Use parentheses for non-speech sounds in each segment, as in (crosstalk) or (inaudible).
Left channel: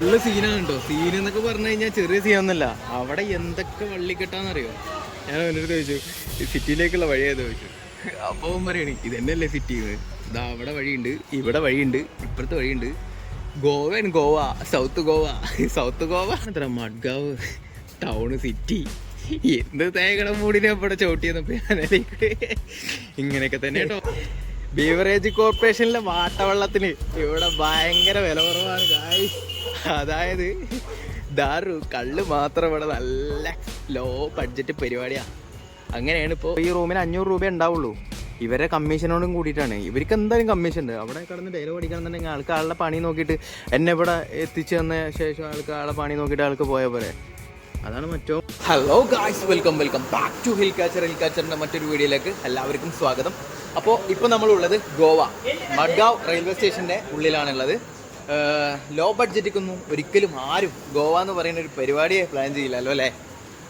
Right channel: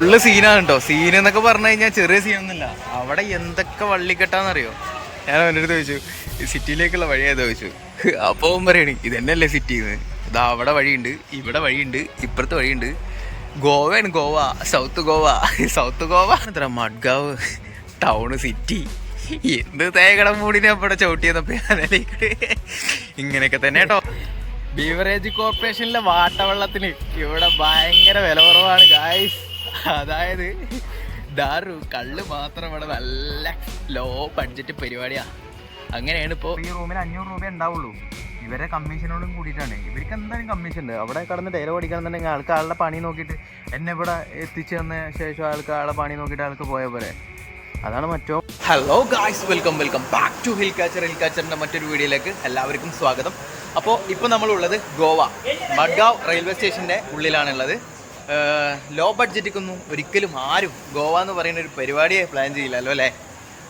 Full സീനാണ് കേട്ടോ scene എന്നൊക്കെ പറഞ്ഞു കഴിഞ്ഞാൽ ചെറിയ സീനൊന്നുമില്ല അവിടെ എന്തൊക്കെ വള്ളിക്കെട്ടാന്നറിയോ? ഞാൻ അവന്റെ അടുത്ത് ചോദിച്ചു സിറ്റിയിലേക്കുള്ള വഴി ഏതാ? ചോദിച്ചു അപ്പോൾ പറയണേ ഇതന്നെയല്ലേ സിറ്റിന്ന് ഇതാ അവിടെ വഴിയുണ്ട് ഇവിടെ വഴിയുണ്ട് ഇപ്പുറത്ത് വഴിയുണ്ട്. ഗോവയാണ് ഗോവ സൗത്ത് ഗോവ സൗത്ത് ഗോവ. എത്ര മഡ്ഗാവ് ടൗണ് സിറ്റി എന്ത് തേകട മൂടിനെ അവിടെ ചവിട്ടിയെന്നപ്പോ ഞാനിലേക്ക് ഇങ്ങനെയൊക്കെ തന്നെ കേട്ടോ ബീവറേജ് കോർപ്പറേഷനിലെ വാട്ടവെള്ളത്തിന് ഇവിടെ ഭയങ്കര വില കുറവാണ് ഗായ്സ് അതായത് ദാറു കള്ള് മാത്രം ഇവിടെ നല്ല ലോ ബഡ്ജറ്റ് പരിപാടിയാ. അങ്ങനെയാണ് ഇപ്പോൾ ഈ റൂമിന് അഞ്ഞൂറ് രൂപ ഉണ്ടാവുള്ളൂ. ഇവരെ കമ്മീഷനോടും കൂടിയിട്ടാണ്. ഇവർക്ക് എന്തായാലും കമ്മീഷൻ ഉണ്ട്. അവിടെ കടന്ന് ഡയലോഗ് അടിക്കണമെന്നുണ്ടെങ്കിൽ ആൾക്ക് ആളുടെ പണി നോക്കിയിട്ട് എന്നെ ഇവിടെ എത്തിച്ചു തന്ന ശേഷം ആൾക്ക് ആളുടെ പണി നോക്കിയിട്ട് ആൾക്ക് പോയ പോലെ അതാണ് മറ്റോ. Hello guys welcome welcome back to hill catcher hill കാച്ചറിന്റെ മറ്റൊരു വീഡിയോയിലേക്ക് എല്ലാവർക്കും സ്വാഗതം. അപ്പോൾ ഇപ്പോൾ നമ്മളുള്ളത് ഗോവ മഡ്ഗാവ് റെയിൽവേ സ്റ്റേഷന്റെ ഉള്ളിലാണുള്ളത്. ലോ ബഡ്ജറ്റിക്കൊന്നും ഒരിക്കലും ആരും ഗോവ എന്ന് പറയുന്ന ഒരു പരിപാടിയെ പ്ലാൻ ചെയ്യില്ലല്ലോ അല്ലേ?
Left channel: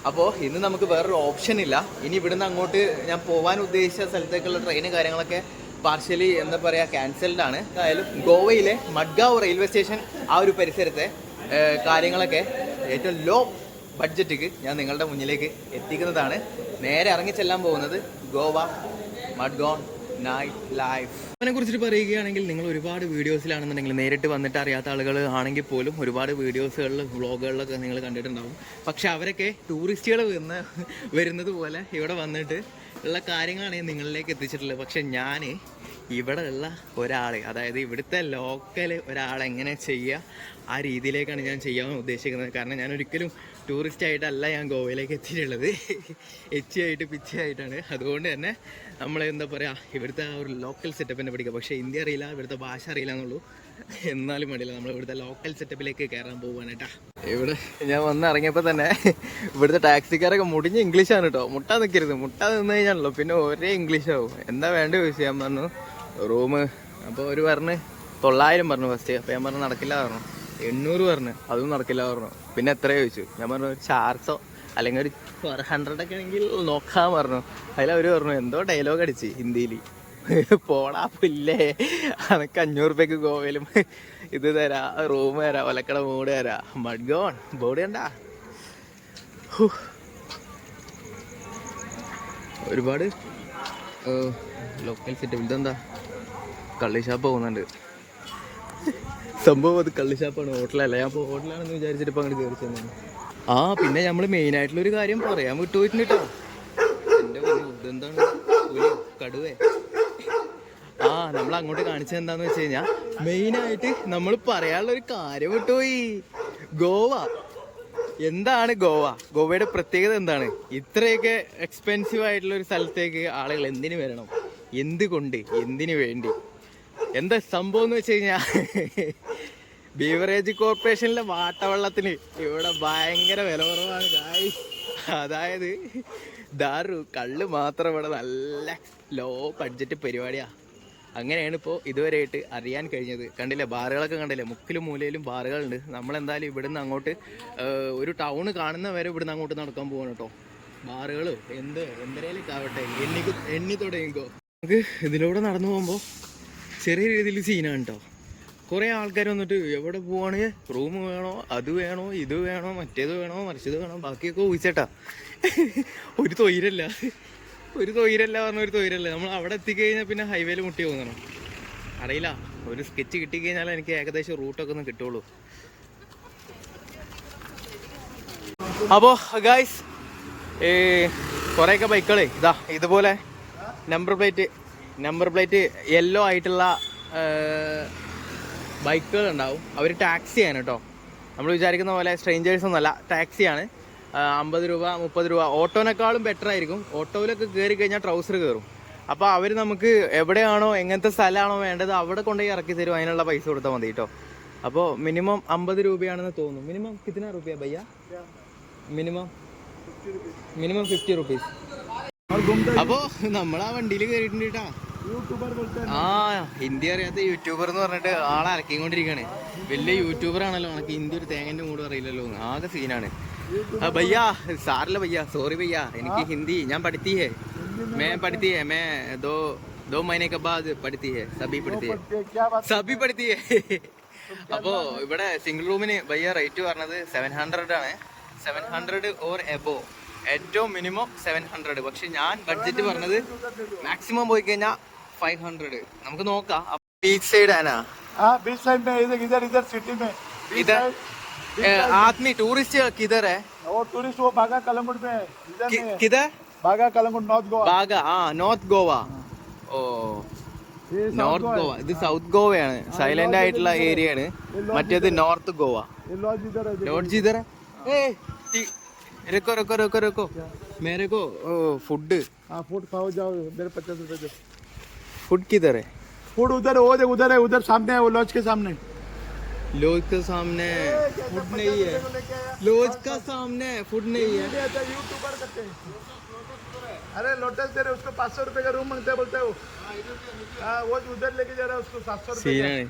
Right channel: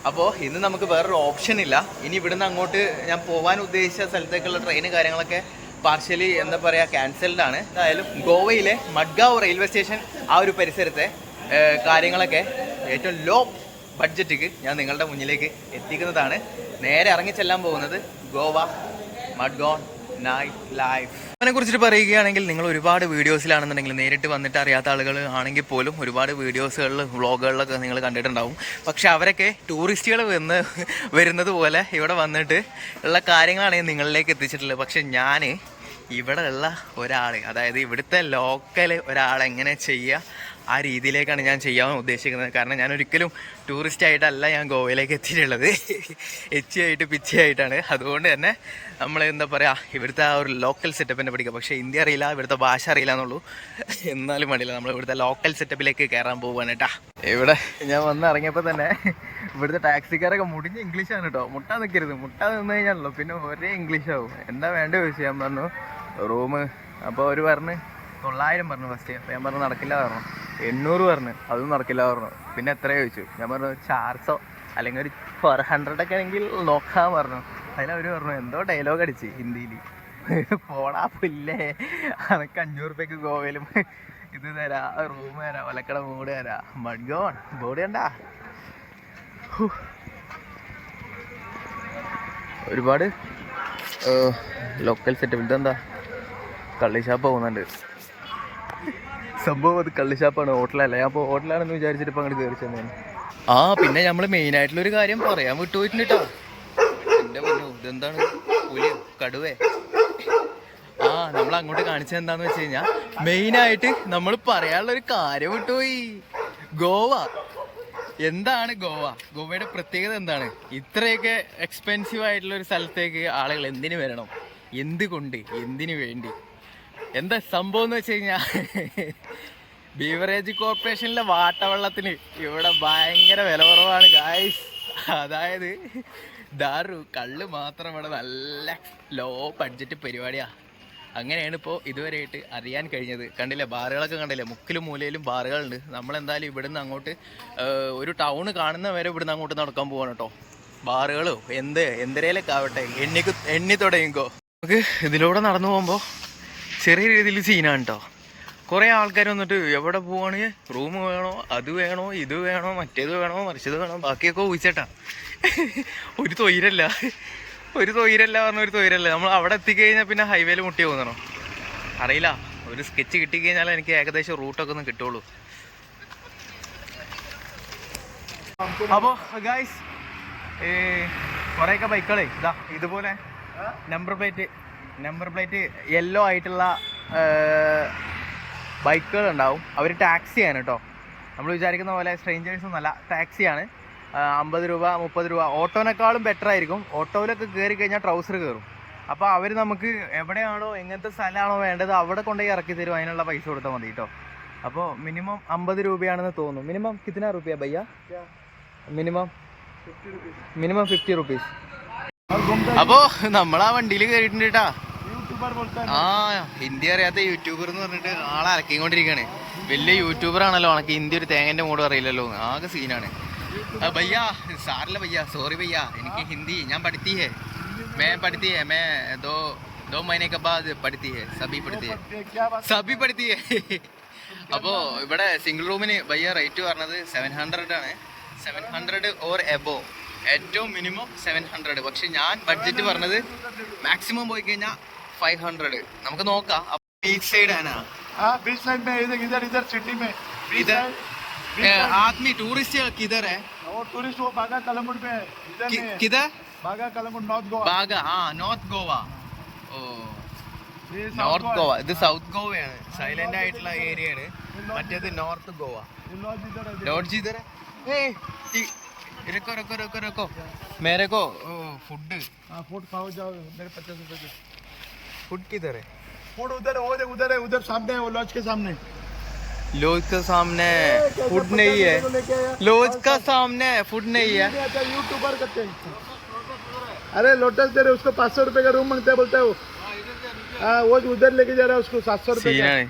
അപ്പോൾ ഇന്ന് നമുക്ക് വേറൊരു ഓപ്ഷൻ ഇല്ല. ഇനി ഇവിടുന്ന് അങ്ങോട്ട് ഞാൻ പോകാൻ ഉദ്ദേശിച്ച സ്ഥലത്തേക്കുള്ള ട്രെയിൻ കാര്യങ്ങളൊക്കെ പാർഷ്യലി എന്താ പറയുക ക്യാൻസൽഡ് ആണ്. എന്തായാലും ഗോവയിലെ മഡ്ഗാവ് റെയിൽവേ സ്റ്റേഷൻ ആ ഒരു പരിസരത്തെ കാര്യങ്ങളൊക്കെ ഏറ്റവും ലോ ബഡ്ജറ്റിക്ക് ഞാൻ നിങ്ങളുടെ മുന്നിലേക്ക് എത്തിക്കുന്നതാണ്. നേരെ ഇറങ്ങി ചെല്ലാൻ പോകുന്നത് ഗോവ മഡ്ഗോൺ നൈറ്റ് ലൈഫ് അതിനെ കുറിച്ചിട്ട് പറയുകയാണെങ്കിൽ നിങ്ങൾ ഒരുപാട് വീഡിയോസിലാണെന്നുണ്ടെങ്കിൽ നേരിട്ട് വന്നിട്ട് അറിയാത്ത ആളുകൾ ആണെങ്കിൽ പോലും ഒരുപാട് വീഡിയോസുകളിൽ വ്ളോഗുകളിലൊക്കെ നിങ്ങൾ കണ്ടിട്ടുണ്ടാവും. പക്ഷെ അവരൊക്കെ ടൂറിസ്റ്റുകൾ വന്ന് വരുന്നത് പോലെ ഇവിടെ വന്നിട്ട് ഉള്ള കാര്യങ്ങളാണ് നിങ്ങളിലേക്ക് എത്തിച്ചിട്ടുള്ളത്. പക്ഷെ ഞാൻ ഇവിടെ ഉള്ള ഒരാൾ അതായത് ഇവിടുത്തെ ലോക്കൽ ഒരാൾ എങ്ങനെ ചെയ്യുക ആ രീതിയിലേക്കാണ് ഞാൻ ചെയ്യാൻ ഉദ്ദേശിക്കുന്നത്. കാരണം ഞാൻ ഒരിക്കലും ടൂറിസ്റ്റ് ആയിട്ടല്ല ഞാൻ ഗോവയിലേക്ക് എത്തിയിട്ടുള്ളത്. എച്ചിയായിട്ട് പിച്ചിയായിട്ടാണ്. അതുകൊണ്ട് തന്നെ നമ്മൾ എന്താ പറയുക ഇവിടുത്തെ ആ ഒരു ലോക്കൽ സെറ്റപ്പിനെ പഠിക്കുക പക്ഷേ ഇന്ത്യ അറിയില്ല ഇവിടുത്തെ ഭാഷ അറിയില്ല എന്നുള്ളൂ. എന്നാലും വേണ്ടില്ല നമ്മൾ ഇവിടുത്തെ ലോക്കൽ സെറ്റപ്പിലേക്ക് കയറാൻ പോവുകയാണ് കേട്ടാ. ഇവിടെ ഞാൻ വന്ന് ഇറങ്ങിയപ്പോൾ തന്നെ ഇവിടുത്തെ ടാക്സിക്കാരൊക്കെ മുടിഞ്ഞ് ഇംഗ്ലീഷാണ് കേട്ടോ. മുട്ടാ നിൽക്കരുത് മുട്ടാ നിന്ന് കഴിഞ്ഞാണല്ലോ പിന്നെ ഒരേ ഇംഗ്ലീഷാവും എന്താ വേണ്ട ചോദിച്ചു ഞാൻ പറഞ്ഞു. റൂം അപ്പോൾ അവർ പറഞ്ഞ് തൊള്ളായിരം പറഞ്ഞു ഫസ്റ്റ് അപ്പോൾ ഞാൻ പറഞ്ഞു നടക്കില്ല പറഞ്ഞു. എണ്ണൂറ് പറഞ്ഞു. അതും നടക്കില്ല പറഞ്ഞു. പിന്നെ എത്ര ചോദിച്ചു? ഞാൻ പറഞ്ഞു ചാർസോ അല്ലെങ്കിൽ ഒരു ഫോർ ഹൺഡ്രഡ് ഒക്കെ ആണെങ്കിൽ നോക്കാൻ പറഞ്ഞു. അതിൽ അവർ പറഞ്ഞു എന്തോ ഡയലോഗ് അടിച്ച് ഹിന്ദിയിൽ പോടാ പുല്ലേ. അനക്ക് അഞ്ഞൂറ് രൂപയ്ക്ക് ഗോവയിലും ഇത് തരാ റൂം തരാ ഒലക്കട മൂട് തരാ. മഡ്ഗോൺ ബോഡി ഉണ്ടാ ഒരുപാട് ലോക്കൽ സെറ്റപ്പ് ഇതെന്താ? കള്ളി ഷാപ്പ് പോകുന്നുണ്ട്. സംഭവം അത് കള്ളിഷാപ്പാണ് ഹോട്ടലല്ല? ഞാൻ അപ്പോൾ ഹോട്ടലാണെന്ന് വിചാരിച്ചിട്ട് ഇപ്പം അങ്ങോട്ട് കയറി ചെന്നേന് ആ പിന്നെ നമ്മൾ ഒരു കാര്യം പറയാൻ വിട്ടുപോയിട്ടുണ്ട് കേട്ടോ ഇതെന്താണ്? കടുവേ. ആ നമ്മൾ അങ്ങോട്ട് കാണിച്ചത് എന്താന്ന് വെച്ച് കഴിഞ്ഞാൽ മെയിനായിട്ട് നമ്മൾ പറയാനുള്ള ഒരു കാര്യം വിട്ടുപോയി. ഗോവ. എന്താണ് ഗോവ? ഗോവയുടെ പ്രത്യേകത എന്താണ്? ഇത്രയൊക്കെ എക്സ്പെൻസീവ് ആയിട്ടുള്ള ഒരു സ്ഥലത്തേക്ക് ആളുകൾ എന്തിനു വരണം? എന്തുകൊണ്ട്? എന്തിനു വേണ്ടി? എന്താ സംഭവം എന്ന് വെച്ച് കഴിഞ്ഞാൽ ബീവറേജ് കോർപ്പറേഷനിലെ വാട്ടവെള്ളത്തിന് ഇവിടെ ഭയങ്കര വില കുറവാണ് അതായത് ദാറു കള്ള് മാത്രം ഇവിടെ നല്ല ലോ ബഡ്ജറ്റ് പരിപാടിയാ. അങ്ങനെയാണ് ഇപ്പോൾ ഇതുവരെയായിട്ട് അറിയാൻ കഴിഞ്ഞത്. കണ്ടില്ലേ ബാറുകളൊക്കെ കണ്ടില്ലേ മുക്കിലും മൂലയിലും ബാറുകളുണ്ട്. നമ്മളെന്തായാലും ഇവിടുന്ന് അങ്ങോട്ട് ഒരു ടൗൺ കാണുന്ന വരെ ഇവിടുന്ന് അങ്ങോട്ട് നടക്കാൻ പോവാണ് കേട്ടോ. ബാറുകളോ എന്ത് എന്തരേലൊക്കെ ആവട്ടെ എണ്ണിക്ക് എണ്ണി തുടങ്ങിക്കോ. നമുക്ക് ഇതിലൂടെ നടന്നു പോകുമ്പോൾ ചെറിയ രീതിയിൽ സീനാണ് കേട്ടോ കുറേ ആൾക്കാർ വന്നിട്ട് എവിടെ പോവാണ്? റൂം വേണോ? അത് വേണോ? ഇത് വേണോ? മറ്റേത് വേണോ? മറിച്ചത് വേണോ? ബാക്കിയൊക്കെ ഊഹിച്ചേട്ടാ. ഒരു തൊയിരല്ല. ഒരു തൊയിരല്ല പറഞ്ഞ ഒരു തൊയിരല്ല. നമ്മൾ അവിടെ എത്തിക്കഴിഞ്ഞാൽ പിന്നെ ഹൈവേയിൽ മുട്ടി പോകുന്നോ അറിയില്ല. ഒരു സ്കെച്ച് കിട്ടിക്കഴിഞ്ഞാൽ എനിക്ക് ഏകദേശം റൂട്ടൊക്കെ ഒന്ന് കിട്ടുള്ളൂ. അപ്പോൾ ഗായ്സ് കുറേയൊക്കെ ബൈക്കുകളെ. ഇതാ ഇതുപോലെ number plate number plate yellow ആയിട്ടുള്ള ബൈക്കുകൾ ഉണ്ടാവും അവർ ടാക്സിയാണ് കേട്ടോ നമ്മൾ വിചാരിക്കുന്ന പോലെ സ്ട്രേഞ്ചേഴ്സ് ഒന്നുമല്ല ടാക്സിയാണ് അമ്പത് രൂപ മുപ്പത് രൂപ ഓട്ടോനേക്കാളും ബെറ്റർ ആയിരിക്കും. ഓട്ടോയിലൊക്കെ കയറി കഴിഞ്ഞാൽ ട്രൗസർ കയറും അപ്പോൾ അവർ നമുക്ക് എവിടെയാണോ എങ്ങനത്തെ സ്ഥലമാണോ വേണ്ടത് അവിടെ കൊണ്ടുപോയി ഇറക്കി തരും അതിനുള്ള പൈസ കൊടുത്താൽ മതി കേട്ടോ അപ്പോൾ മിനിമം അമ്പത് രൂപയാണെന്ന് തോന്നുന്നു. മിനിമം കിത്തന റുപ്യ ഭയ്യ മിനിമം മിനിമം ഫിഫ്റ്റി റുപ്പീസ് അപ്പോൾ നമ്മൾ ആ വണ്ടിയിൽ കയറിയിട്ടുണ്ട് കേട്ടാ ആ ഹിന്ദി അറിയാത്ത യൂട്യൂബർ എന്ന് പറഞ്ഞിട്ട് ആളെ അരക്കിക്കൊണ്ടിരിക്കുകയാണ് വലിയ യൂട്യൂബർ ആണല്ലോ ഉണക്ക് ഹിന്ദി ഒരു തേങ്ങന്റെ മൂഡ് അറിയില്ലല്ലോ. ആകെ സീനാണ്. ഭയ്യാ സാറില്ല ഭയ്യാ സോറി ഭയ്യാ എനിക്ക് ഹിന്ദി ഞാൻ പഠിത്തിയേ മേ പഠിത്തിയേ മേ ദോ ദോ മൈനെ ബാദ് പഠിത്തിയേ സബി പഠിത്തിയേ സബി പഠിത്തിയേ അപ്പോ ഇവിടെ സിംഗിൾ റൂമിന് ഭയ്യ റേറ്റ് പറഞ്ഞത് സെവൻ ഹൺഡ്രഡ് ആണ്. സെവൻ ഹൺഡ്രഡ് ഓർ എബോ ഏറ്റവും മിനിമം സെവൻ ഹൺഡ്രഡ് പക്ഷെ ഞാൻ ബഡ്ജറ്റ് പറഞ്ഞത് മാക്സിമം പോയി കഴിഞ്ഞാൽ ഫൈവ് ഹൺഡ്രഡ് നമുക്ക് നോക്കാം ബീച്ച് സൈഡ് ആനാ हाँ बीच साइड में इधर इधर इधर सिटी में बीच इधर? साइड ए, आदमी टूरिस्ट किधर है वो टूरिस्ट वो बागा कलंगुट में है इधर कि- में है। किधर बागा कलंगुट नॉर्थ गोवा ബാഗ ആ നോർത്ത് ഗോവ ഓ ये साउथ നോർത്ത് गोवा ഗോവ है। ഇത് സൗത്ത് ഗോവയാണ് സൈലന്റ് ആയിട്ടുള്ള ഏരിയ ആണ് മറ്റേത് നോർത്ത് ഗോവ ये लॉज इधर है लॉज इधर है ए टी- रुको रुको रुको रुको मेरे को ओ फूड हाँ फूड खाओ जाओ मेरे पचास रुपए दे फूड किधर है फूड उधर है, वो देख उधर है उधर सामने है वो लॉज के सामने लॉज के सामने फूड नहीं है लेके आया लॉज का सामने फूड नहीं है यूट्यूबर करते हैं अरे लोटस दे रहे उसको पाँच सौ रुपए का रूम मांगता है बोलता है वो हाँ वो उधर लेके जा रहा है उसको सात सौ रुपए का। സീനാണ്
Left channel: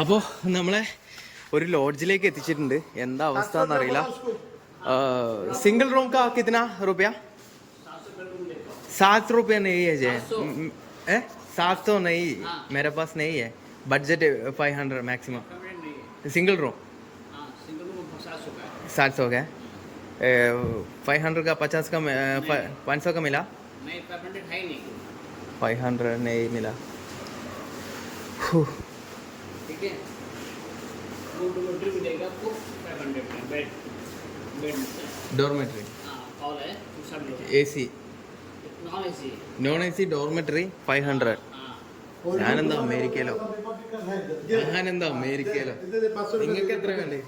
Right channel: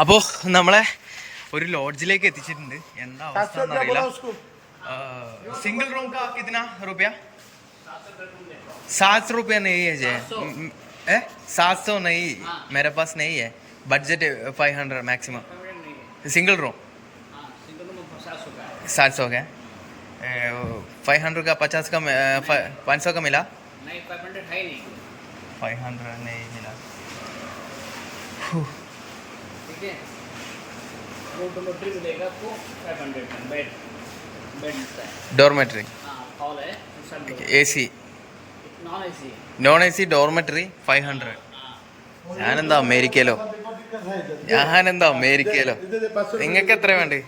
അപ്പോ നമ്മളെ ഒരു ലോഡ്ജിലേക്ക് എത്തിച്ചിട്ടുണ്ട് എന്താ അവസ്ഥ എന്നറിയില്ല उसको सिंगल रूम का कितना रुपया सात सौ रुपया नहीं है जय। सात सौ। नहीं। हाँ। मेरे पास नहीं है। Budget five hundred maximum single room सात सौ का फाइव हंड्रेड का पचास का पाँच सौ का मिला? नहीं फाइव हंड्रेड है नहीं। फाइव हंड्रेड नहीं मिला। ठीक है। डोमेट्री मिलेगा आपको फाइव हंड्रेड का। बेड बेड मिलता है। डोरमेट्री हाँ A C non A C dormitory five hundred ഞാനെന്താ അമേരിക്കയിലോ? ഞാനെന്താ അമേരിക്കയിലോ? നിങ്ങൾക്ക് എത്ര വേണ്ടേ?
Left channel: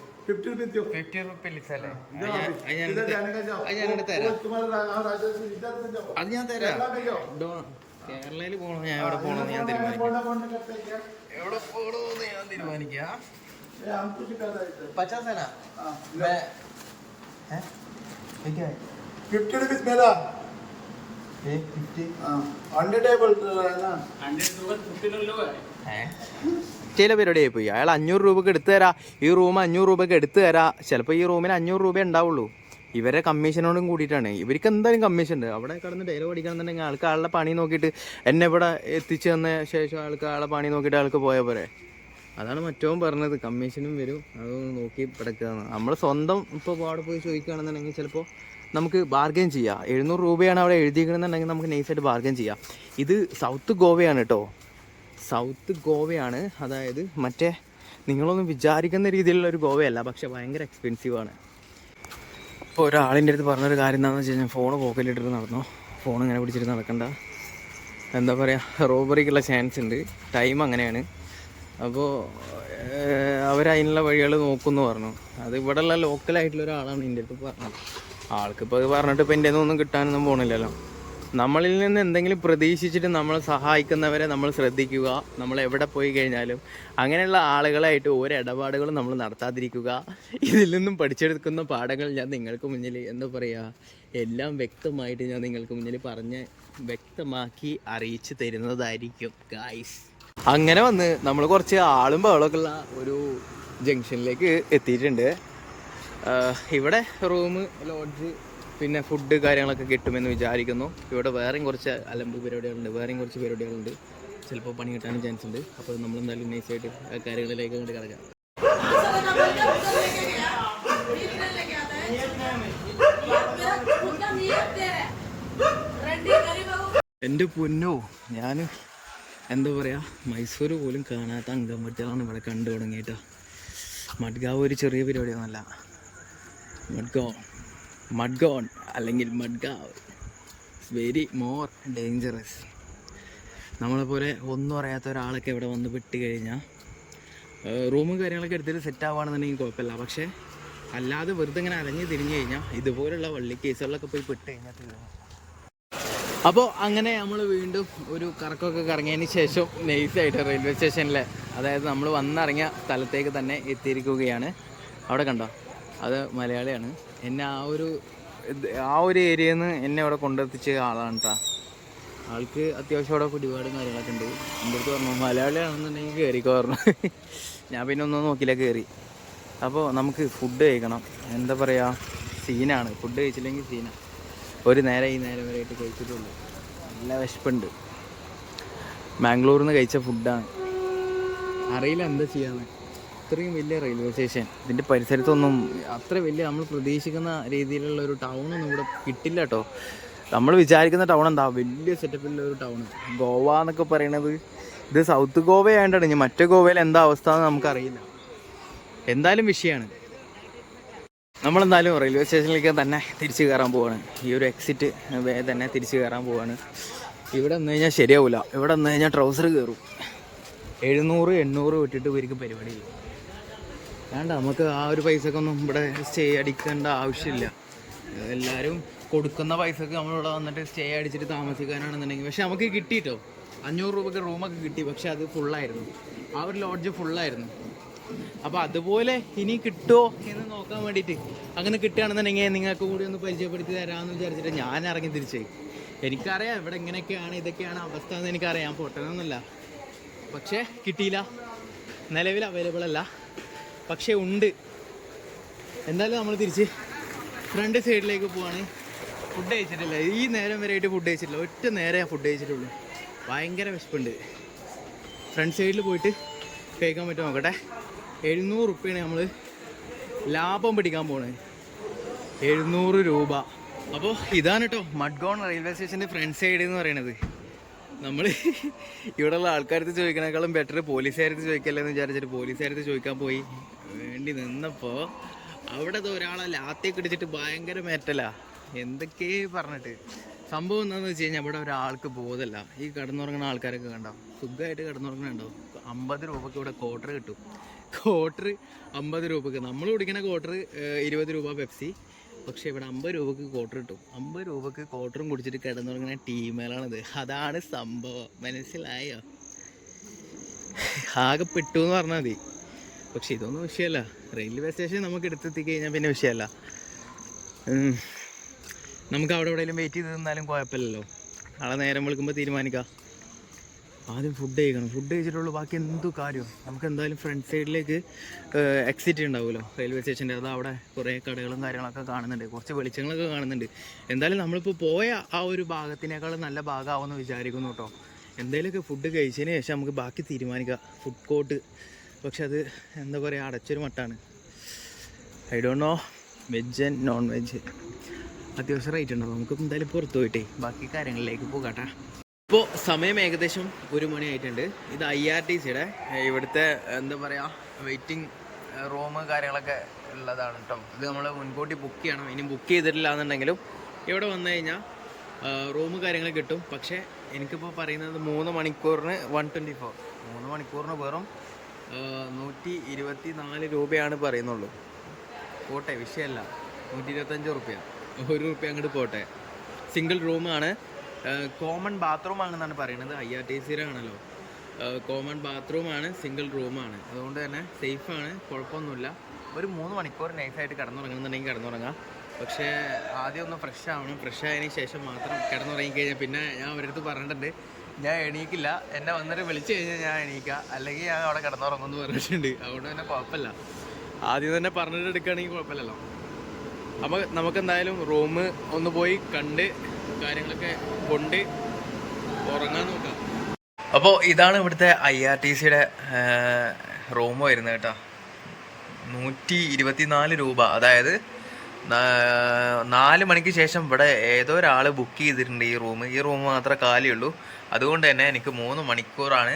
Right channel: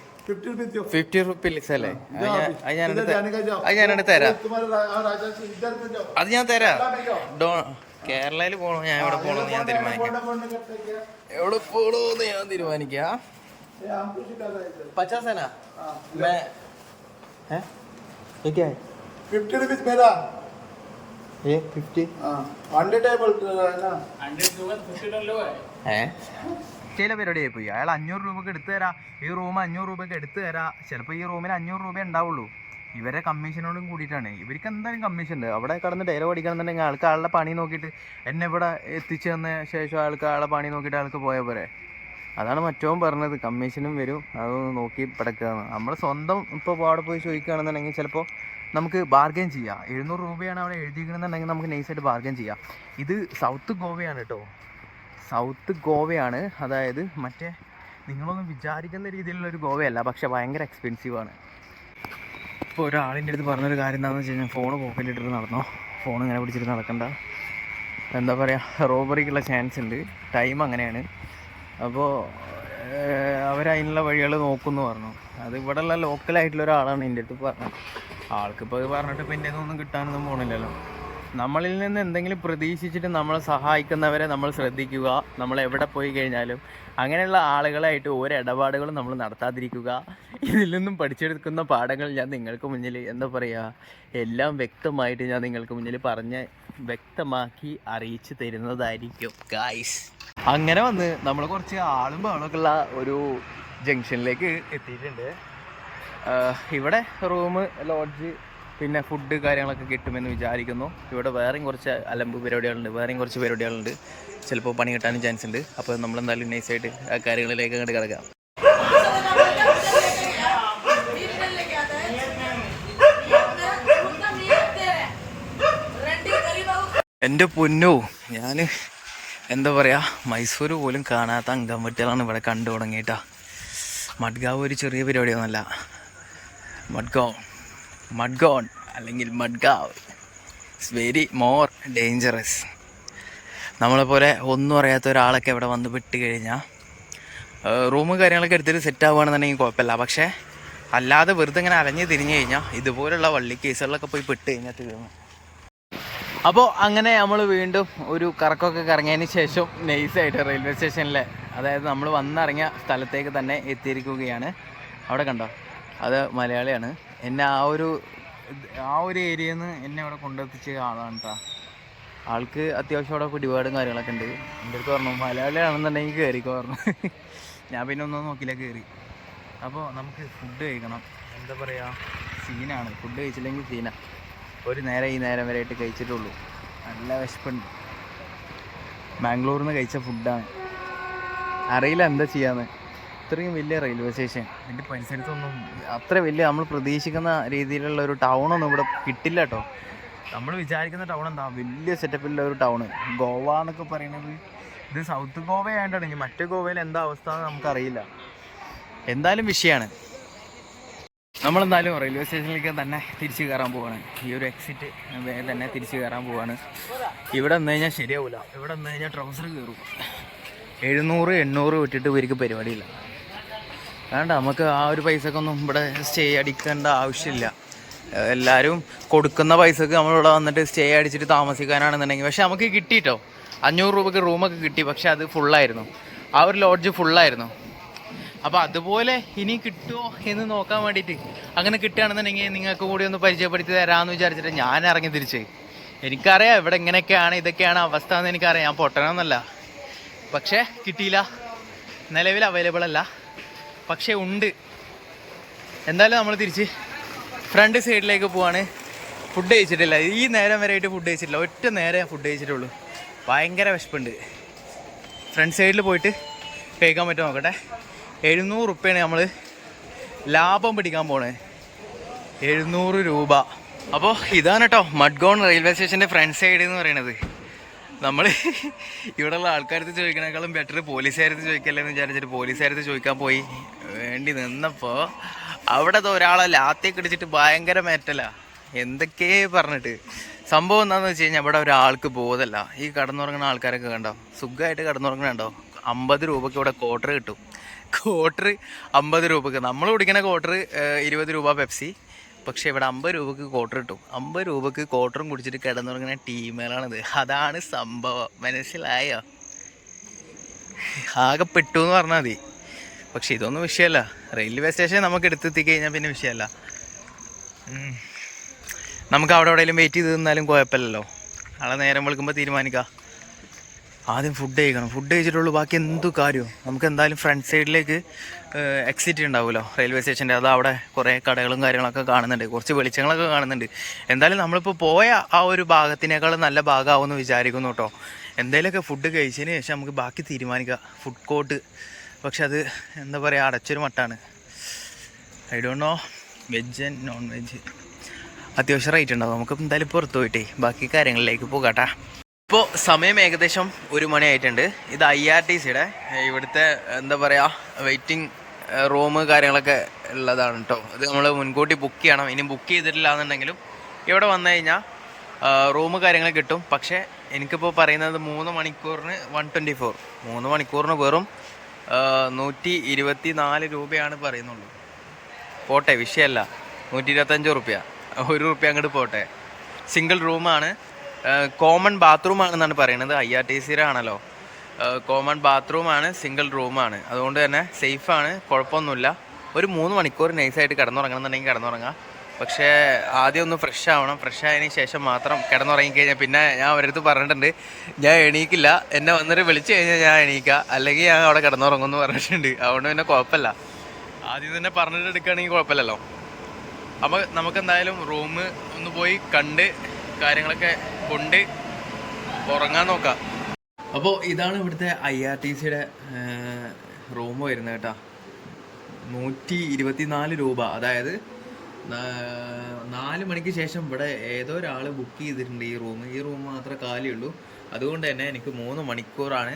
ഫിഫ്റ്റി റുപ്പീസ് അല്ലേ? അത് ഞാൻ അത് തരാം. അത് ഞാൻ തരാം. ഡോ കേരളയിൽ പോകണോ ഞാൻ എവിടെ പോകണമെന്ന് ഞാൻ തീരുമാനിക്കാം. എവിടെ പോകണമെന്ന് ഞാൻ തീരുമാനിക്കാം. പച്ചാസേന? ये क्या है फिफ्टी रुपीज मेरा ये फिफ्टी हाँ हंड्रेड है बोल रहा है ना हंड्रेड होगा तो फिफ्टी लो है ഏ ചില പരിപാടിയായി പോയി അയാൾ അഞ്ഞൂറ് രൂപക്ക് എടുത്തു തരാം ഈ റൂം അഞ്ഞൂറ് രൂപക്ക് എടുത്തു തരാം ചിലപ്പോൾ ഈ റൂമിന് അഞ്ഞൂറ് രൂപ ഉണ്ടാവുള്ളൂ ഇവരെ കമ്മീഷനോടും കൂടിയിട്ടാണ് ഇവർക്ക് എന്തായാലും കമ്മീഷൻ ഉണ്ട് അവിടെ കടന്ന് ഡയലോഗ് അടിക്കണമെന്നുണ്ടെങ്കിൽ ആൾക്ക് ആളുടെ പണി നോക്കിയിട്ട് എന്നെ ഇവിടെ എത്തിച്ചു തന്ന ശേഷം ആൾക്ക് ആളെ പണി നോക്കിയിട്ട് ആൾക്ക് പോയ പോരെ അതാണ് മറ്റവും പറഞ്ഞത് കമ്മീഷനും വരും അത് നോക്കി പടക്കുകയാണ് നമ്മൾ സ്വന്തം ഇപ്പോൾ അവിടെ പോയി ചോദിക്കുകയാണെന്നുണ്ടെങ്കിൽ ചിലപ്പോൾ നമുക്ക് ബാർഗെയിൻ ചെയ്യാം. എഴുന്നൂറ് രൂപയാണ് അവിടെ എഴുതിയിരിക്കണമെന്നുണ്ടെങ്കിൽ നമുക്ക് നൈസായിട്ട് ബാർഗെയിൻ ചെയ്യാം. ഇത് സൗത്ത് ഗോവയാണ് കേട്ടോ സൗത്ത് ഗോവയാണ് അതായത് മറ്റേ നിങ്ങളൊന്നും വിചാരിക്കുന്ന രീതിയിലുള്ള ഒരു ഗോവയല്ല പക്ഷെ ഭയങ്കര എക്സ്പെൻസീവ് ആണ്. ഇപ്പോൾ ഒരാളിന്റെ അടുത്ത് പറഞ്ഞൊരു കാര്യം എന്താണെന്ന് വെച്ച് കഴിഞ്ഞാൽ ഫോൺ പോക്കറ്റിലിട്ടിട്ട് നടന്നോ? ഫോൺ ഇങ്ങനെ പിടിച്ചിട്ട് നടക്കണ്ട. എന്താ പറയുക റോബറിക്കുള്ള ചാൻസ് ഉണ്ട്. ടൈം അങ്ങനെയാണ്. അപ്പോൾ അവരതിനുള്ള വഴികൾ നോക്കുമെന്ന് പറഞ്ഞു. അത് ഇവിടെയുള്ള ലോക്കലായിട്ടുള്ള ഒരാളാണ് എന്റെ അടുത്ത് പറഞ്ഞത്. ആൾക്കിപ്പോൾ അത് പറഞ്ഞിട്ട് ഇപ്പം ഇന്ത്യയിൽ ഒന്നും കിട്ടാനൊന്നും പോണില്ലല്ലോ. നമ്മളിൽ നിന്ന് എന്തെങ്കിലും പ്രതീക്ഷിച്ചിട്ട് നമ്മളെ സഹായിക്കുന്നവരെ നമ്മൾ ശ്രദ്ധിക്കുക. നമ്മൾ എവിടെ പോയി കഴിഞ്ഞാലും അങ്ങനെയുള്ള ആളുകളായിട്ട് ഓരോ ഇടപാടുകളും നമ്മൾ നടത്താതിരിക്കുക. ഇതിൽ നിന്നും പഠിച്ചെടുക്കുന്ന പാഠങ്ങൾ ഞാൻ നിങ്ങൾക്ക് മുന്നിൽ എന്താ പറയുക എല്ലാം വ്യക്തമായിട്ട് ഞാൻ നിങ്ങൾക്ക് മുന്നിൽ പറഞ്ഞ് വ്യക്തമാക്കി അറിയിച്ചു തരുന്നതായിരിക്കും ഗായ്സ് അങ്ങനെ വന്ന് നമ്മൾ കുറച്ച് ആളും ബഹളമൊക്കെ ഉള്ള ഒരു ജംഗ്ഷനിലേക്ക് എത്തിയിട്ടുണ്ട്. ഇവിടെ റൂം ലോഡ്ജ് പിന്നെ ഫുഡ് കാര്യങ്ങളൊക്കെ കിട്ടുമെന്ന് വിചാരിക്കുന്നു. ഇവിടെ വേറെയും കുറച്ച് അലമ്പ് പരിപാടികളുണ്ട്. വേറെയും കുറച്ച് പരിപാടികളുണ്ട്. ചിലപ്പോൾ പണി കിട്ടാനും ചാൻസ് ഉണ്ട്. അപ്പോൾ നമ്മൾ എന്തായാലും നൈസായിട്ട് ആ കാര്യങ്ങളിലേക്ക് അങ്ങോട്ട് കിടക്കാം. എന്റെ പൊന്നോ ഞാൻ എന്താ പറയുക മൈസൂർ പോലും കാണാത്ത അങ്കംവട്ടികളാണ് ഇവിടെ കണ്ടു തുടങ്ങിയിട്ടാ മഡ്ഗാവ് ഒരു ചെറിയ പരിപാടിയൊന്നുമല്ല. മഡ്ഗോൺ മഡ്ഗോൺ അല്ലെങ്കിൽ Madgaon. It's very more dangerous നമ്മളെപ്പോലെ ഒന്നും അറിയാത്ത ഒരാളൊക്കെ ഇവിടെ വന്ന് പെട്ട് കഴിഞ്ഞാൽ റൂമും കാര്യങ്ങളൊക്കെ എടുത്തിട്ട് സെറ്റ് ആവുകയാണെന്നുണ്ടെങ്കിൽ കുഴപ്പമില്ല. പക്ഷേ അല്ലാതെ വെറുതെ ഇങ്ങനെ അലഞ്ഞ് തിരിഞ്ഞ് കഴിഞ്ഞാൽ ഇതുപോലുള്ള വള്ളി കേസുകളിലൊക്കെ പോയി പെട്ട് കഴിഞ്ഞാൽ തീർന്നു. അപ്പോൾ അങ്ങനെ നമ്മൾ വീണ്ടും ഒരു കറക്കമൊക്കെ കറങ്ങിയതിന് ശേഷം നൈസായിട്ട് റെയിൽവേ സ്റ്റേഷനിലെ അതായത് നമ്മൾ വന്നിറങ്ങിയ സ്ഥലത്തേക്ക് തന്നെ എത്തിയിരിക്കുകയാണ്. അവിടെ കണ്ടോ? അത് മലയാളിയാണ്. എന്നെ ആ ഒരു ആ ഒരു ഏരിയയിൽ നിന്ന് എന്നെ അവിടെ കൊണ്ടെത്തിച്ച ആളാണ് കേട്ടോ ആൾക്ക് അത്യാവശ്യം അവിടെ പിടിപാടും കാര്യങ്ങളൊക്കെ ഉണ്ട്. എന്റെ അടുത്ത് പറഞ്ഞു മലയാളിയാണെന്നുണ്ടെങ്കിൽ കയറിക്കോ പറഞ്ഞു. (laughs) ഞാൻ പിന്നെ ഒന്നും നോക്കിയില്ല കയറി അപ്പോൾ നമുക്ക് ഫുഡ് കഴിക്കണം. എന്താ പറയുക സീനാണ് ഫുഡ് കഴിച്ചില്ലെങ്കിൽ സീനാണ് ഒരു നേരം ഈ നേരം വരെയായിട്ട് കഴിച്ചിട്ടുള്ളൂ. നല്ല വിശപ്പുണ്ട്. മാംഗ്ലൂരിൽ നിന്ന് കഴിച്ച ഫുഡാണ് അറിയില്ല എന്താ ചെയ്യാന്ന്. ഇത്രയും വലിയ റെയിൽവേ സ്റ്റേഷൻ ഇതിന്റെ പരിസരത്തൊന്നും അത്ര വലിയ നമ്മൾ പ്രതീക്ഷിക്കുന്ന രീതിയിലുള്ള ഒരു ടൗണൊന്നും ഇവിടെ കിട്ടില്ല കേട്ടോ നമ്മൾ വിചാരിക്കുന്ന ടൗൺ എന്താ? വലിയ സെറ്റപ്പിലുള്ള ഒരു ടൗണ് ഗോവ എന്നൊക്കെ പറയണത് ഇത് സൗത്ത് ഗോവ ആയതുകൊണ്ടാണ് ഇനി മറ്റേ ഗോവയിൽ എന്താ അവസ്ഥ എന്ന് നമുക്കറിയില്ല. എന്തായാലും വിഷയമാണ് നമ്മളെന്തായാലും റെയിൽവേ സ്റ്റേഷനിലേക്ക് തന്നെ തിരിച്ചു കയറാൻ പോവാണ്. ഈ ഒരു എക്സിറ്റ് തന്നെ തിരിച്ചു കയറാൻ പോവാണ്. ഇവിടെ നിന്ന് കഴിഞ്ഞാൽ ശരിയാവില്ല ഇവിടെ നിന്ന് കഴിഞ്ഞാൽ ട്രൗസർ കയറും എഴുന്നൂറ് എണ്ണൂറ് വിട്ടിട്ട് ഇവർക്ക് പരിപാടിയില്ല. വേണ്ട നമുക്ക് ആ ഒരു പൈസക്ക് ഒന്നും ഇവിടെ സ്റ്റേ അടിക്കേണ്ട ആവശ്യമില്ല. എല്ലാവരും കൊടുക്കുന്ന പൈസക്ക് നമ്മളിവിടെ വന്നിട്ട് സ്റ്റേ അടിച്ചിട്ട് താമസിക്കാനാണെന്നുണ്ടെങ്കിൽ പക്ഷെ നമുക്ക് കിട്ടിയിട്ടോ അഞ്ഞൂറ് രൂപയ്ക്ക് റൂമൊക്കെ കിട്ടി പക്ഷെ അത് ഫുള്ളായിരുന്നു ആ ഒരു ലോഡ്ജ് ഫുള്ളായിരുന്നു അപ്പോൾ അതുപോലെ ഇനി കിട്ടുമോ എന്ന് നോക്കാൻ വേണ്ടിയിട്ട് അങ്ങനെ കിട്ടുകയാണെന്നുണ്ടെങ്കിൽ നിങ്ങൾക്ക് കൂടി ഒന്ന് പരിചയപ്പെടുത്തി തരാമെന്ന് വിചാരിച്ചിട്ട് ഞാൻ ഇറങ്ങി തിരിച്ച്. എനിക്കറിയാം ഇവിടെ ഇങ്ങനെയൊക്കെയാണ് ഇതൊക്കെയാണ് അവസ്ഥ എന്ന് എനിക്കറിയാം. ഞാൻ പൊട്ടണമെന്നല്ല പക്ഷേ കിട്ടിയില്ല. നിലവിൽ അവൈലബിൾ അല്ല. പക്ഷേ ഉണ്ട്. എന്തായാലും നമ്മൾ തിരിച്ച് ഫ്രണ്ട് സൈഡിലേക്ക് പോവാണ്. ഫുഡ് കഴിച്ചിട്ടില്ല. ഈ നേരം വരെ ആയിട്ട് ഫുഡ് കഴിച്ചിട്ടില്ല. ഒറ്റ നേരെ ഫുഡ് കഴിച്ചിട്ടുള്ളൂ. ഭയങ്കര വിശപ്പുണ്ട്. ഫ്രണ്ട് സൈഡിൽ പോയിട്ട് കഴിക്കാൻ പറ്റുമോ നോക്കട്ടെ. എഴുന്നൂറ് റുപ്യാണ് നമ്മൾ ലാഭം പിടിക്കാൻ പോണേ. എഴുന്നൂറ് രൂപ. അപ്പോൾ ഇതാണ് കേട്ടോ മഡ്ഗോൺ റെയിൽവേ സ്റ്റേഷന്റെ ഫ്രണ്ട് സൈഡ് എന്ന് പറയുന്നത്. നമ്മൾ ഇവിടെയുള്ള ആൾക്കാരത്ത് ചോദിക്കണേക്കാളും ബെറ്റർ പോലീസുകാരത്ത് ചോദിക്കല്ലേ എന്ന് വിചാരിച്ചിട്ട് പോലീസുകാരത്ത് ചോദിക്കാൻ പോയി. വേണ്ടി നിന്നപ്പോൾ അവിടെ ഒരാളെ ലാത്തേക്ക് ഇടിച്ചിട്ട് ഭയങ്കര മേറ്റല. എന്തൊക്കെ പറഞ്ഞിട്ട്. സംഭവം എന്താണെന്ന് വെച്ച് കഴിഞ്ഞാൽ ഇവിടെ ഒരാൾക്ക് ബോധമല്ല ഈ കടന്നുറങ്ങുന്ന ആൾക്കാരൊക്കെ കണ്ടോ? സുഖമായിട്ട് കടന്നുറങ്ങണുണ്ടോ? അമ്പത് രൂപയ്ക്ക് ഇവിടെ ക്വാർട്ടർ കിട്ടും. ക്വാർട്ടർ അമ്പത് രൂപയ്ക്ക്. നമ്മൾ കുടിക്കുന്ന ക്വാർട്ടർ ഇരുപത് രൂപ പെപ്സി പക്ഷേ ഇവിടെ അമ്പത് രൂപക്ക് ക്വാർട്ടർ കിട്ടും. അമ്പത് രൂപക്ക് ക്വാർട്ടറും കുടിച്ചിട്ട് കിടന്നുറങ്ങുന്ന ടീമുകളാണിത്. അതാണ് സംഭവം. മനസ്സിലായോ? ആകെ പെട്ടു എന്ന് പറഞ്ഞാൽ മതി. പക്ഷെ ഇതൊന്നും വിഷയമല്ല. റെയിൽവേ സ്റ്റേഷൻ നമുക്ക് എടുത്തെത്തി കഴിഞ്ഞാൽ പിന്നെ വിഷയമല്ല. നമുക്ക് അവിടെ എവിടെയെങ്കിലും വെയിറ്റ് ചെയ്ത് നിന്നാലും കുഴപ്പമില്ലല്ലോ. നാളെ നേരം വിളിക്കുമ്പോൾ തീരുമാനിക്കാം. ആദ്യം ഫുഡ് കഴിക്കണം. ഫുഡ് കഴിച്ചിട്ടുള്ളൂ. ബാക്കി എന്തു കാര്യവും നമുക്ക് എന്തായാലും ഫ്രണ്ട് സൈഡിലേക്ക് എക്സിറ്റ് ഉണ്ടാവുമല്ലോ റെയിൽവേ സ്റ്റേഷന്റെ അത് അവിടെ കുറേ കടകളും കാര്യങ്ങളൊക്കെ കാണുന്നുണ്ട്. കുറച്ച് വെളിച്ചങ്ങളൊക്കെ കാണുന്നുണ്ട്. എന്തായാലും നമ്മളിപ്പോൾ പോയ ആ ഒരു ഭാഗത്തിനേക്കാളും നല്ല ഭാഗമാവുമെന്ന് വിചാരിക്കുന്നു കേട്ടോ എന്തെങ്കിലുമൊക്കെ ഫുഡ് കഴിച്ചതിന് ശേഷം നമുക്ക് ബാക്കി തീരുമാനിക്കുക ഫുഡ് കോർട്ട് പക്ഷെ അത് എന്താ പറയുക അടച്ചൊരു മട്ടാണ്. I don't know veg and non veg അത്യാവശ്യം റേറ്റ് ഉണ്ടാവും നമുക്ക് എന്തായാലും പുറത്ത് പോയിട്ടേ. ബാക്കി കാര്യങ്ങളിലേക്ക് പോകാട്ടാ. ഇപ്പോൾ സമയം ഏകദേശം ഒരു മണിയായിട്ടുണ്ട്. ഇത് ഐ ആർ ടി സിയുടെ ഇവിടുത്തെ എന്താ പറയുക വെയിറ്റിംഗ് റൂം കാര്യങ്ങളൊക്കെ ഉള്ളതാണ് കേട്ടോ ഇത് നമ്മൾ മുൻകൂട്ടി ബുക്ക് ചെയ്യണം. ഇനി ബുക്ക് ചെയ്തിട്ടില്ല എന്നുണ്ടെങ്കിലും ഇവിടെ വന്നു കഴിഞ്ഞാൽ റൂം കാര്യങ്ങൾ കിട്ടും. പക്ഷേ എനിക്കിപ്പോൾ പറയുന്നത് മൂന്ന് മണിക്കൂറിന് വൺ ട്വന്റി ഫോർ മൂന്ന് മണിക്കൂറിന് വെറും നൂറ്റി ഇരുപത്തി നാല് രൂപയാണ് പറയുന്നുള്ളൂ. പോട്ടെ വിഷയമല്ല നൂറ്റി ഇരുപത്തഞ്ച് റുപ്യ. ഒരു റുപ്യ അങ്ങോട്ട് പോട്ടെ. സിംഗിൾ റൂമാണ്. കോമൺ ബാത്റൂം ആണെന്നാണ് പറയുന്നത്. ഐ ആർ ടി സിയുടെ ആണല്ലോ കോമൺ ബാത്റൂമാണ് സിംഗിൾ റൂമാണ് അതുകൊണ്ട് തന്നെ സേഫാണ് കുഴപ്പമൊന്നുമില്ല. ഒരു മൂന്ന് മണിക്കൂർ നൈസായിട്ട് കിടന്നുറങ്ങണമെന്നുണ്ടെങ്കിൽ കിടന്നുറങ്ങാം. പക്ഷേ ആദ്യം ഒന്ന് ഫ്രഷ് ആവണം. ഫ്രഷ് ആയതിനു ശേഷം മാത്രം കിടന്നുറങ്ങിക്കഴിഞ്ഞാൽ പിന്നെ ഞാൻ അവരടുത്ത് പറഞ്ഞിട്ടുണ്ട് ഞാൻ എണീക്കില്ല. എന്നെ വന്നിട്ട് വിളിച്ചു കഴിഞ്ഞാൽ ഞാൻ എണീക്കുക അല്ലെങ്കിൽ ഞാൻ അവിടെ കിടന്നുറങ്ങുമെന്ന് പറഞ്ഞിട്ടുണ്ട്. അതുകൊണ്ട് പിന്നെ കുഴപ്പമില്ല. ആദ്യം തന്നെ പറഞ്ഞിട്ട് എടുക്കുകയാണെങ്കിൽ കുഴപ്പമില്ലല്ലോ. അപ്പോൾ നമുക്ക് എന്തായാലും റൂം ഒന്ന് പോയി കണ്ട് കാര്യങ്ങളൊക്കെ കൊണ്ട് ഉറങ്ങാൻ നോക്കാം. അപ്പോൾ ഇതാണ് ഇവിടുത്തെ ഐ ആർ ടി സിയുടെ റൂം വരുന്നത് കേട്ടോ. നൂറ്റി ഇരുപത്തി നാല് രൂപ. അതായത് നാല് മണിക്ക് ശേഷം ഇവിടെ ഏതോ ഒരാൾ ബുക്ക് ചെയ്തിട്ടുണ്ട് ഈ റൂം. ഈ റൂം മാത്രമേ കാലിയുള്ളൂ അതുകൊണ്ട് തന്നെ എനിക്ക് മൂന്ന് മണിക്കൂറാണ്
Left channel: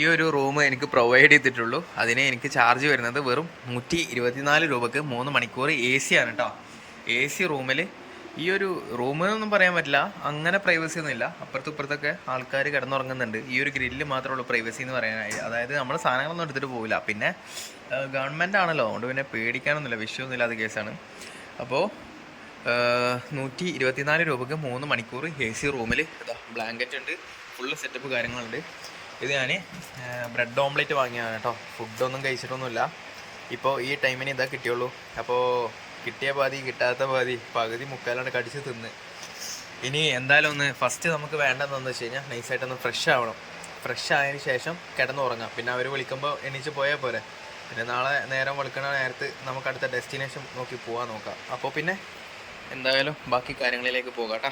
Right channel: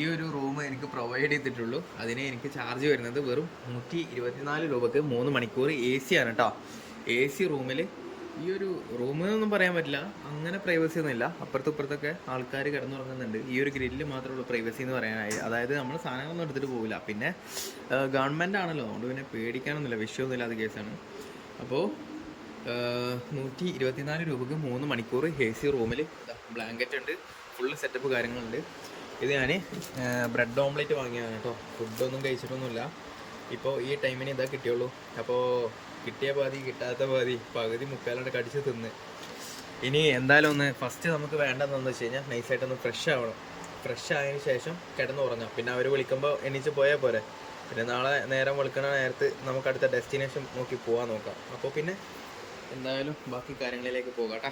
ഈ ഒരു റൂം എനിക്ക് പ്രൊവൈഡ് ചെയ്തിട്ടുള്ളൂ. അതിനെ എനിക്ക് ചാർജ് വരുന്നത് വെറും നൂറ്റി ഇരുപത്തിനാല് രൂപക്ക് മൂന്ന് മണിക്കൂർ എ സി ആണ് കേട്ടോ. എ സി റൂമിൽ ഈ ഒരു റൂമെന്നൊന്നും പറയാൻ പറ്റില്ല. അങ്ങനെ പ്രൈവസി ഒന്നുമില്ല. അപ്പുറത്തും ഇപ്പുറത്തൊക്കെ ആൾക്കാർ കിടന്നുറങ്ങുന്നുണ്ട്. ഈ ഒരു ഗ്രില്ല് മാത്രമേ ഉള്ളൂ പ്രൈവസി എന്ന് പറയാനായി. അതായത് നമ്മൾ സാധനങ്ങളൊന്നും എടുത്തിട്ട് പോകില്ല പിന്നെ ഗവൺമെന്റ് ആണല്ലോ. അതുകൊണ്ട് പിന്നെ പേടിക്കാനൊന്നുമില്ല. വിഷയമൊന്നുമില്ല അത് കേസാണ്. അപ്പോൾ നൂറ്റി ഇരുപത്തിനാല് രൂപക്ക് മൂന്ന് മണിക്കൂർ എ സി റൂമിൽ ഇതാ ബ്ലാങ്കറ്റ് ഉണ്ട്. ഫുള്ള് സെറ്റപ്പ് കാര്യങ്ങളുണ്ട്. ഇത് ഞാൻ ബ്രെഡ് ഓംലെറ്റ് വാങ്ങിയതാണ് കേട്ടോ. ഫുഡൊന്നും കഴിച്ചിട്ടൊന്നുമില്ല. ഇപ്പോൾ ഈ ടൈമിന് ഇതാ കിട്ടിയുള്ളൂ. അപ്പോൾ കിട്ടിയ പാതി കിട്ടാത്ത പാതി പകുതി മുക്കാലാണ്ട് കടിച്ച് തിന്ന്. ഇനി എന്തായാലും ഒന്ന് ഫസ്റ്റ് നമുക്ക് വേണ്ടതെന്ന് വെച്ച് കഴിഞ്ഞാൽ നൈസായിട്ടൊന്ന് ഫ്രഷ് ആവണം. ഫ്രഷ് ആയതിന് ശേഷം കിടന്നുറങ്ങാം പിന്നെ അവർ വിളിക്കുമ്പോൾ എണീച്ച് പോയാൽ പോരെ. പിന്നെ നാളെ നേരം വെളുക്കണ നേരത്ത് നമുക്ക് അടുത്ത ഡെസ്റ്റിനേഷൻ നോക്കി പോകാൻ നോക്കാം. അപ്പോൾ പിന്നെ എന്തായാലും ബാക്കി കാര്യങ്ങളിലേക്ക് പോകാം കേട്ടോ